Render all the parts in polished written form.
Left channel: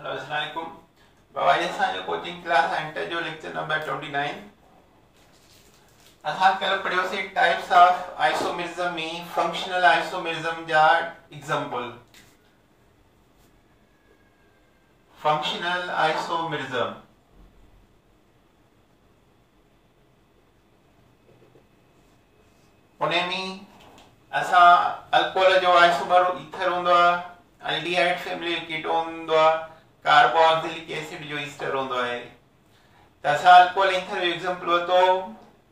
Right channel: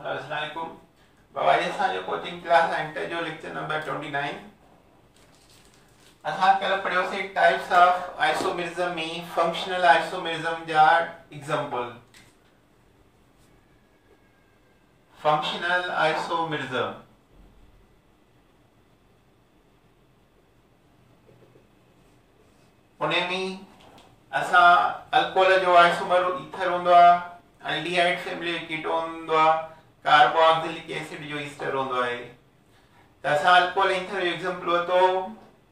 Hello अस्सलाम वालेकुम। बाबा जी असांजो कोचिंग क्लास एंटर जो लेक्चर नंबर 29 असां कल पढ़ियोसीं टाइप्स ऑफ आइसोमेरिज्म में फंक्शनल आइसोमेरिज्म जा एग्जांपल। फंक्शनल आइसोमेरिज्म उन्हें में असां अल्कोहल जो आइसोमर ईथर होंदो आ, एल्डिहाइड फैमिली कीटोन होंदो आ, कार्बोक्सिलिक एसिड जो ईस्टर होंदो है। त असां अल्कोहल ईथर जो एग्जांपल वतो,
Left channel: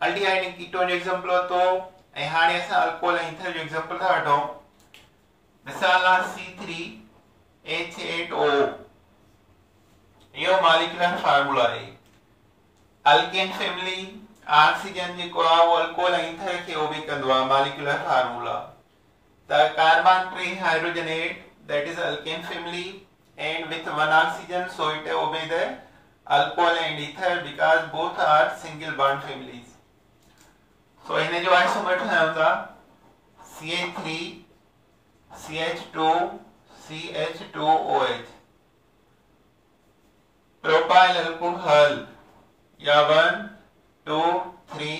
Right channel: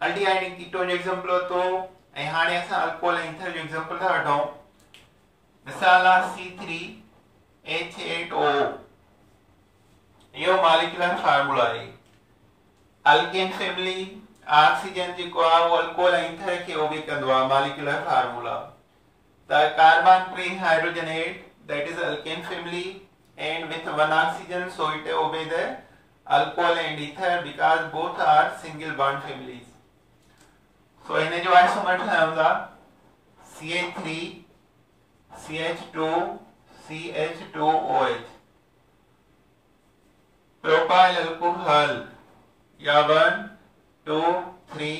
एल्डिहाइड कीटोन जो एग्जांपल वतो ऐं हाणे असां अल्कोहल ईथर जो एग्जांपल था वठूं। मिसाल आ C3H8O यो मॉलिक्यूलर फार्मूला है। अल्केन फैमिली ऑक्सीजन जेको आ वो अल्कोहल ईथर के ओबे कंदो आ molecular formula. The carbon trihydrogenate that is alkane family and with one oxygen, so it obey the alcohol and ether because both are single bond families. So इन्हें जो isomer है उनका CH3 CH2 CH2OH propyl alcohol या 1 2 3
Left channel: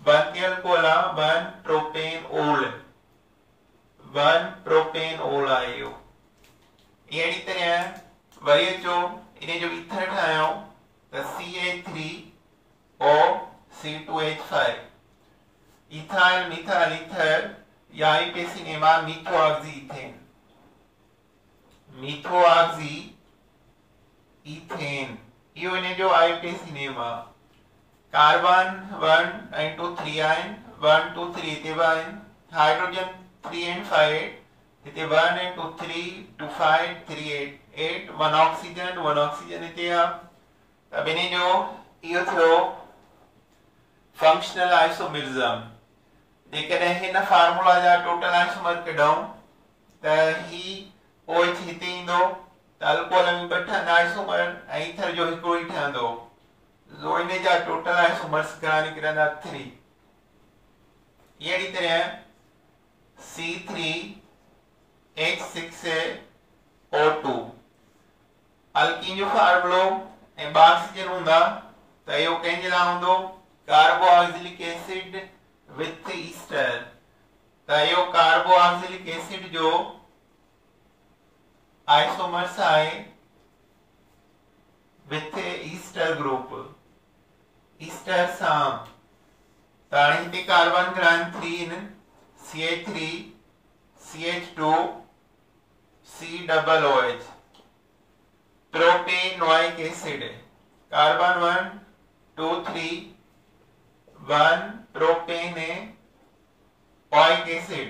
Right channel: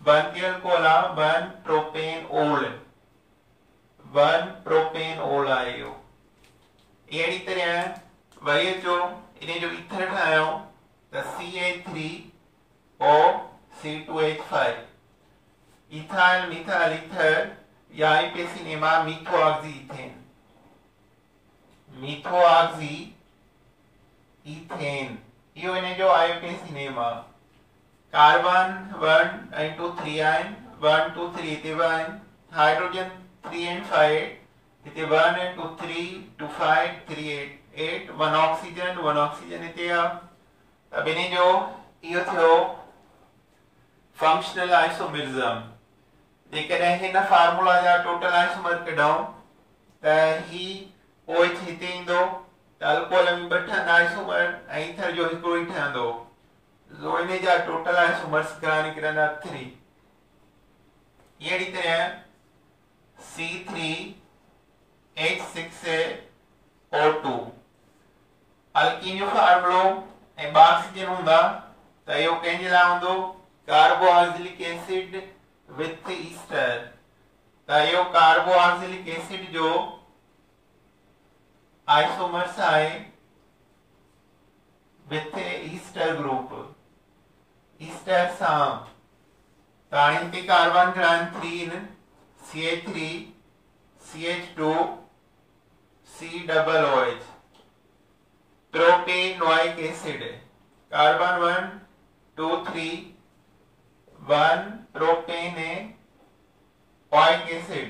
बनती alcohol 1 propanol 1 propanol आयो। अहिड़ी तरह worry अचो इन्हें जो ईथर ठाहियूं त CH3O C2H5 ethyl methyl ether या आईपेसिनेमा मीथोऑक्सी इथेन मीथोऑक्सी इथेन यो इन्हें जो आईपेसिनेमा कार्बन 1 and 2 3 आयन 1 2 3 इथे आयन हाइड्रोजन 3 and 5 इथे 1 and 2 3 2 5 3 8 1 ऑक्सीजन इथे आ। अब इन्हें जो इहो थियो फंक्शनल आइसोमेरिज्म। जेकॾहिं हिन फार्मूला जा टोटल आइसोमर कढूं त ही OH हिते ईंदो त अल्कोहल में ॿ ठहंदा आइसोमर ऐं ईथर जो हिकिड़ो ई ठहंदो। जो इन जा टोटल आइसोमर्स घणा निकिरंदा 3। अहिड़ी तरह C3H6O2 अल्कीन जो फार्मूलो ऐं ऑक्सीजन हूंदा त इहो कंहिंजे लाइ हूंदो कार्बोक्सिलिक एसिड विथ ईस्टर। त इहो कार्बोक्सिलिक एसिड जो आइसोमर्स आहे विथ ईस्टर ग्रुप ईस्टर सां। त हाणे हिते कार्बन घणा आहिनि 3 आहिनि CH3 CH2 COOH propanoic acid carbon 1 2 3 1 propanoic acid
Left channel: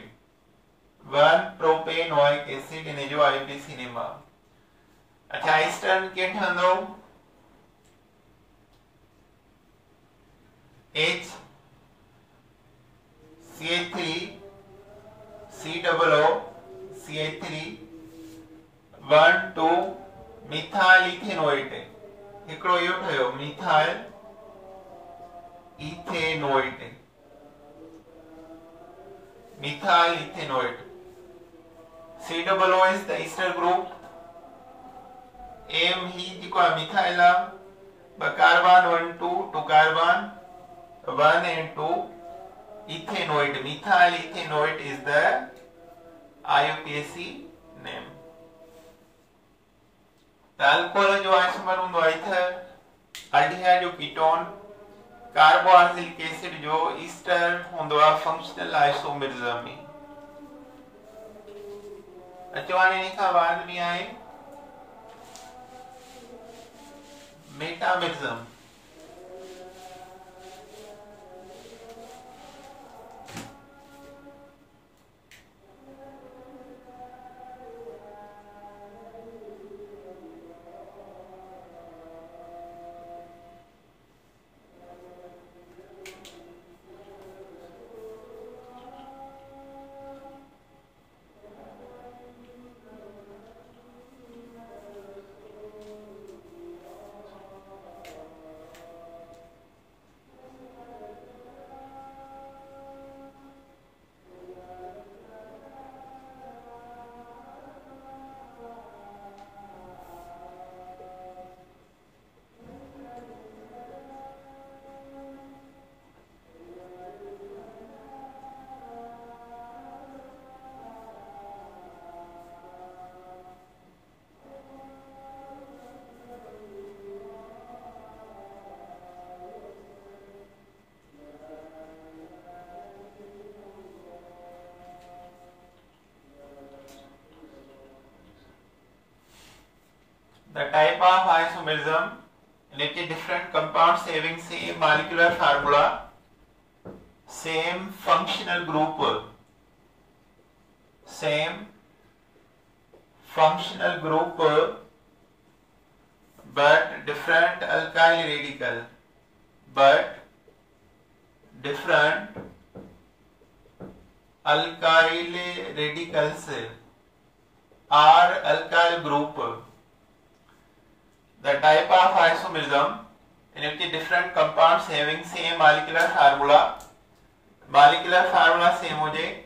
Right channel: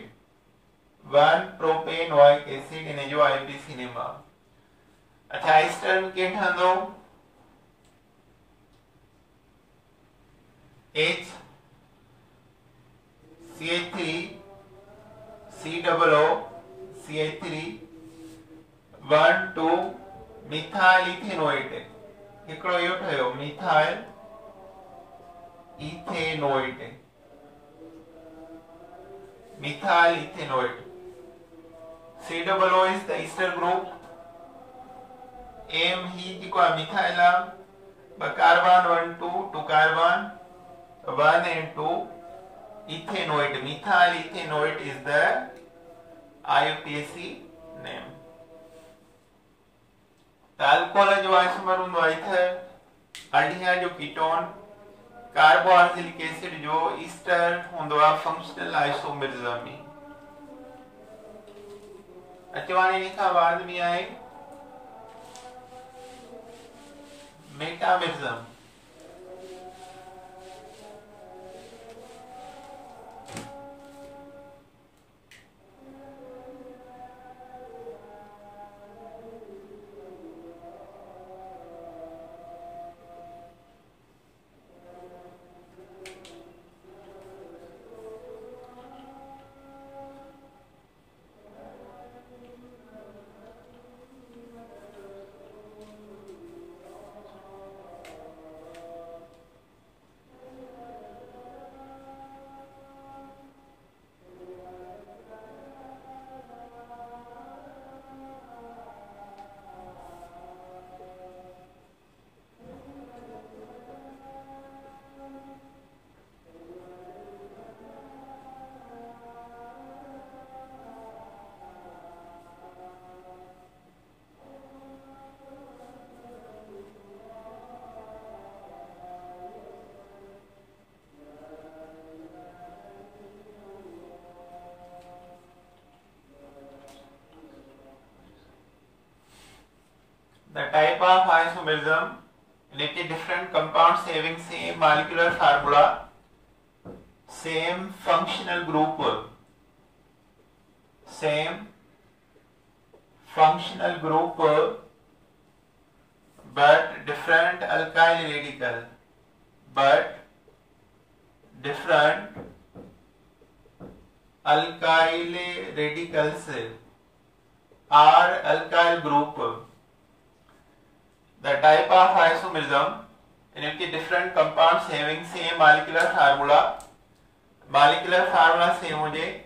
1 propanoic acid इन्हें जो आईपीसिनेमा। अच्छा ईस्टर के ठहंदो H CH3 COO CH3 1 2 methyl ethanoate हिकिड़ो इहो ठहियो methyl ethanoate COO is the ester group M ही जेको आहे मिथाइल आहे ॿ carbon 1 2 2 carbon 1 and 2 ethanoate methyl ethanoate is the IUPAC name। Alcohol जो आइसोमर हूंदो आहे ईथर, एल्डिहाइड जो कीटोन, कार्बोक्सिलिक एसिड जो ईस्टर हूंदो आहे फंक्शनल आइसोमेरिज्म में। अचो हाणे इन खां बाद में आहे metamerism. The type of isomerism in which different compounds having same molecular formula, same functional group, but different alkyl radical, radicals or alkyl group. The type of isomerism in which different compounds having same molecular formula same हो जाए,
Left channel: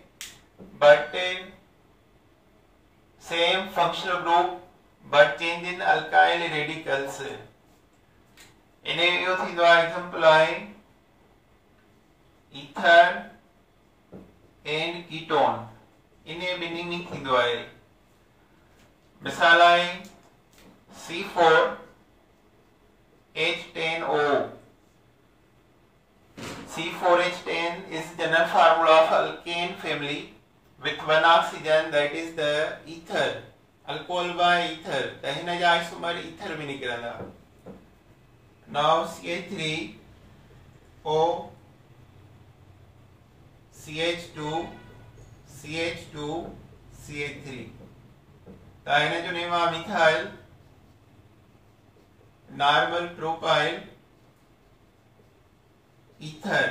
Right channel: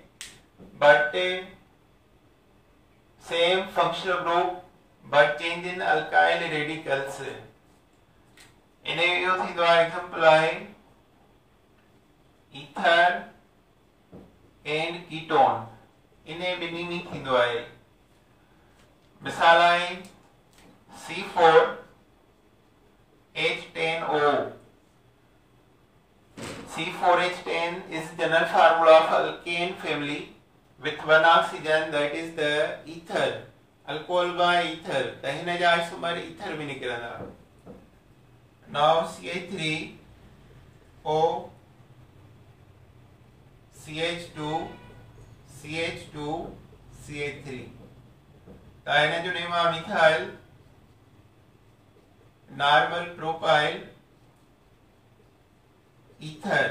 but same functional group, but change in alkyl radicals. इन्हें यो थी द्वारा example आए ether and ketone, इन्हें बिनी नहीं थी द्वारा मिसाल आए C4H10O. C4H10 is general formula of alkane family with one oxygen, that is the ether, alcohol by ether. तहिना जा isomer ether भी निकलना. Now CH3O CH2 CH3. तहिना जो नेम आ methyl normal propyl ether,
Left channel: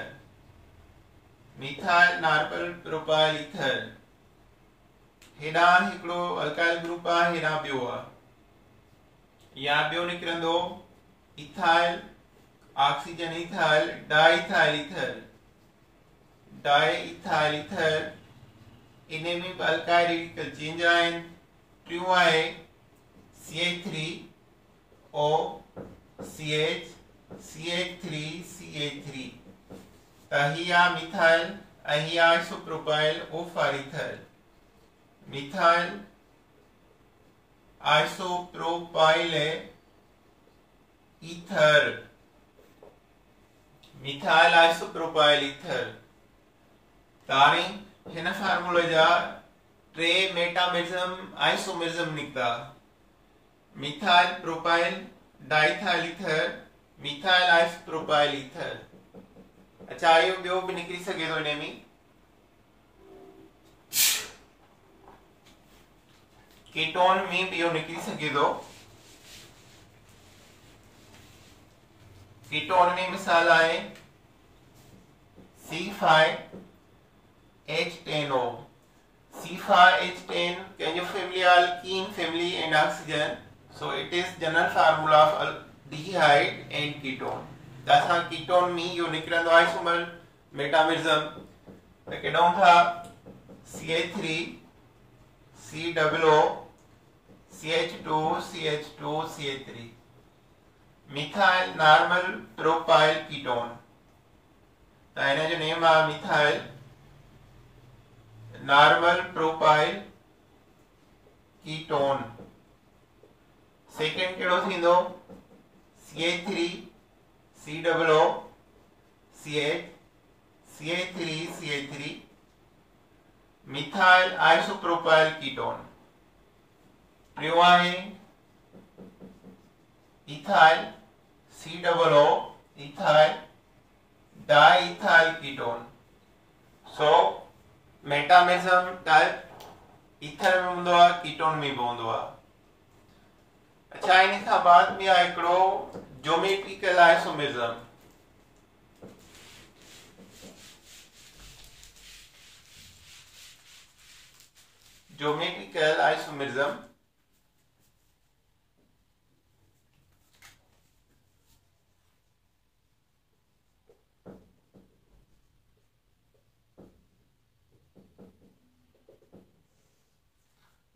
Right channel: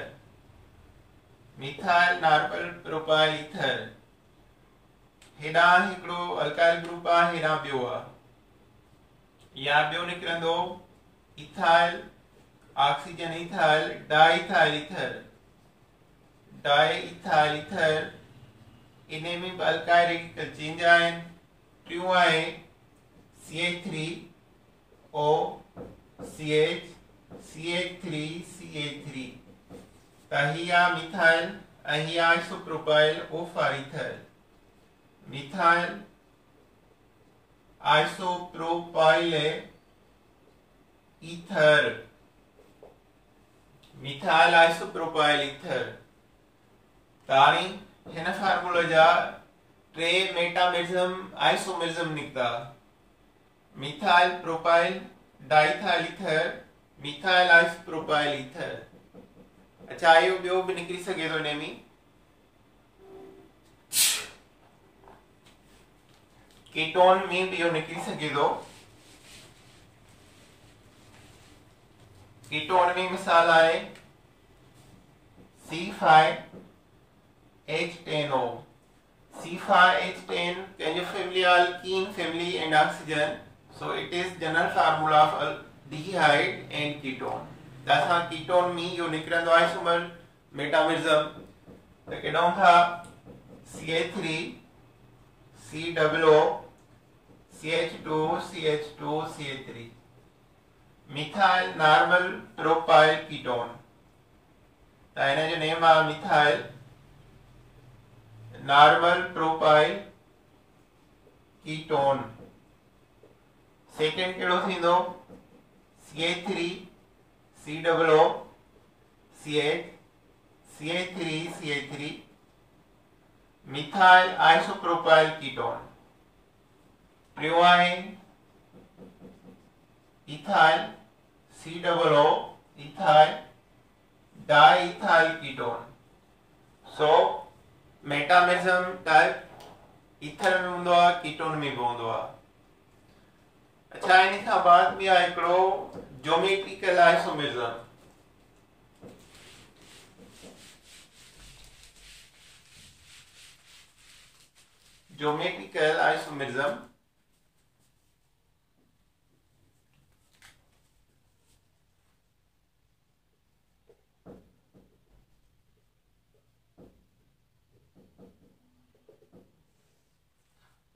methyl normal propyl ether. हेडा हिकड़ो alkyl group आ, हेडा बियो आ. या बियो निकरंदो ethyl oxygen ethyl diethyl ether. इने में अल्काइल रेडिकल चेंज आइन. ट्रू आए CH3O CH3 तहिया मिथाइल अहिया आइसोप्रोपाइल O फॉर ether. Methyl isopropyl ether, methyl isopropyl ether. ताणी हिन फार्मूला जा टे मेटामेरिज्म आइसोमेरिज्म निकता. Methyl propyl diethyl ether, methyl isopropyl ether. अच्छा आयो बियो भी निकली सके तो इने में कीटोन में बियो निकली सके तो. कीटोन में मिसाल आए C5H10O. C5H10 can you family alkene family and oxygen, so it is general formula of aldehyde and ketone. that's how ketone में यो निकलंदो आइसोमर मेटामेरिज्म. तो केडोन था CH3 COO CH2 methyl normal propyl ketone. तो इने जो name आ methyl normal propyl ketone. Second केड़ो थींदो CH3 COO CH3 methyl isopropyl ketone. प्रियो आहे ethyl COO ethyl diethyl ketone. So metamerism type ether में हूंदो आहे, कीटोन में भी हूंदो आहे. अच्छा इन खां बाद में आहे हिकिड़ो geometrical isomerism. Geometrical isomerism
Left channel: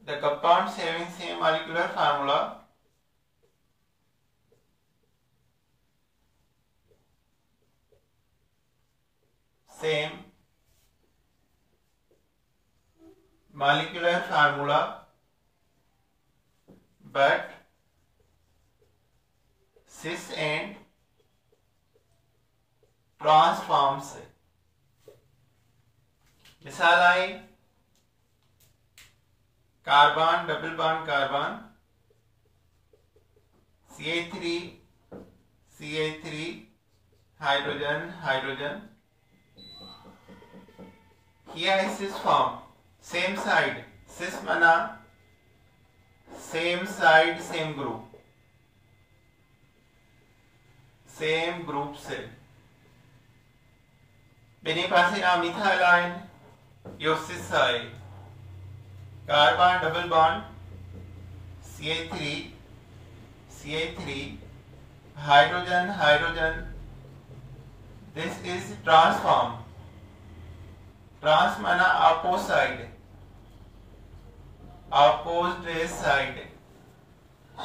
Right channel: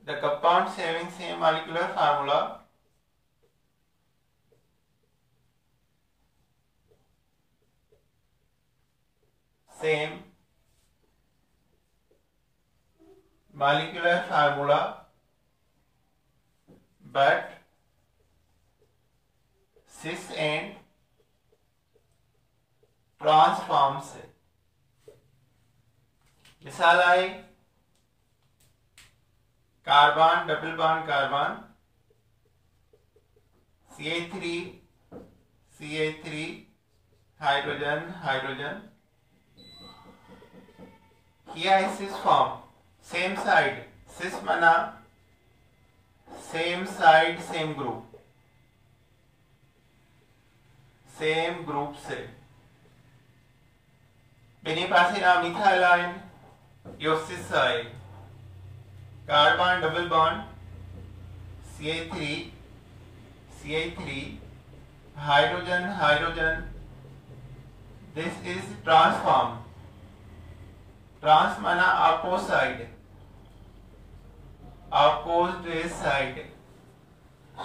the compounds having same molecular formula same molecular formula but cis and trans forms. मिसाल आई carbon double bond carbon CH3 CH3 hydrogen hydrogen. Here is cis form, same side, cis mana same side same group से बेनी पासे आ methyl ion yo cis side, carbon double bond CH3 hydrogen hydrogen. This is trans form. Trans माना opposite side.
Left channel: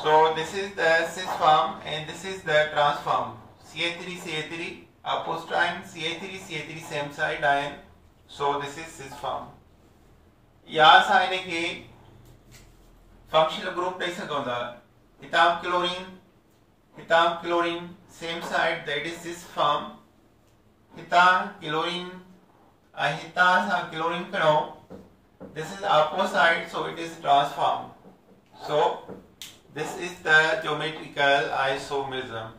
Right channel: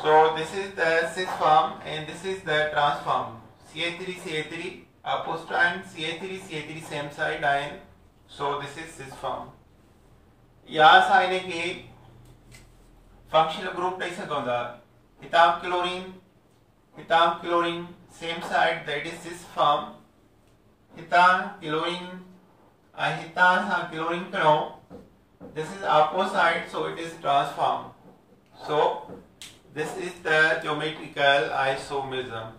So this is the cis form and this is the trans form. CH3 opposite ion, CH3 same side ion. So this is cis form. यहाँ साइने के functional group नहीं सकता. हिताम chlorine same side, that is cis form. Chlorine pero this is opposite, so it is trans form. So this is the geometrical isomerism.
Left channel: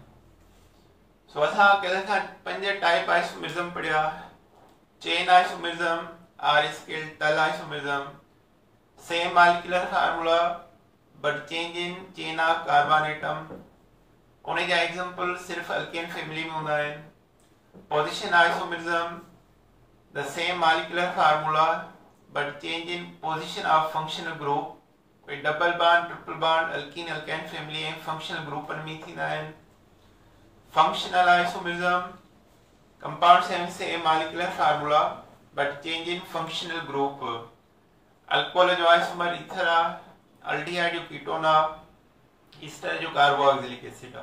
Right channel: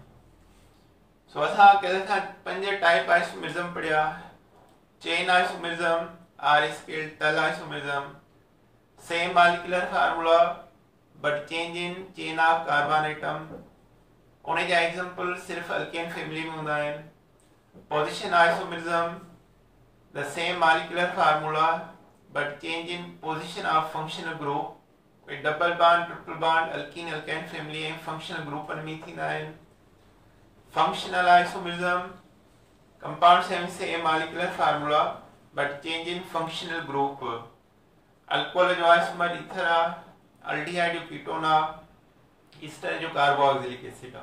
So असां कल खां 5 type isomerism पढ़िया. Chain isomerism, R-scale tull isomerism, same molecular formula but change in chain of carbon atom. उन्हें जा example सिर्फ alkane family में होता है. Position isomerism, the same molecular formula but change in position of functional group with double bond, triple bond, alkene alkyne family and functional group पर मीथिन ion. Functional isomerism, compounds having same molecular formula but change in functional group. Alcohol जो isomer ether आ, aldehyde जो ketone आ, ester जो carboxylic acid आ.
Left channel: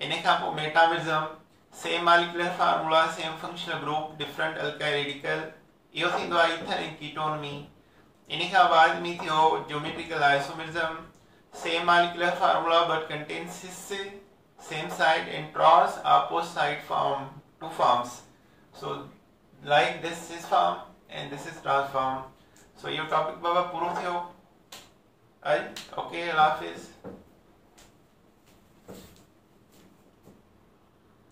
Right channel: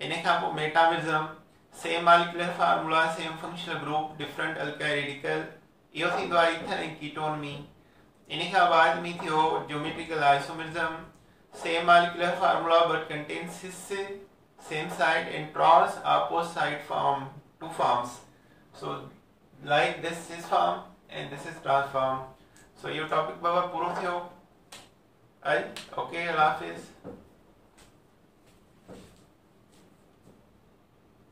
इन्हें खां पोइ metamerism, same molecular formula, same functional group, different alkyl radical. इहो थींदो आहे ether ऐं ketone में. इन खां बाद में थियो geometrical isomerism, same molecular formula but contains cis same side and trans opposite form, two forms. So like this cis form and this is trans form. So ये topic बाबा पूरा थियो. Okay, Allah Hafiz.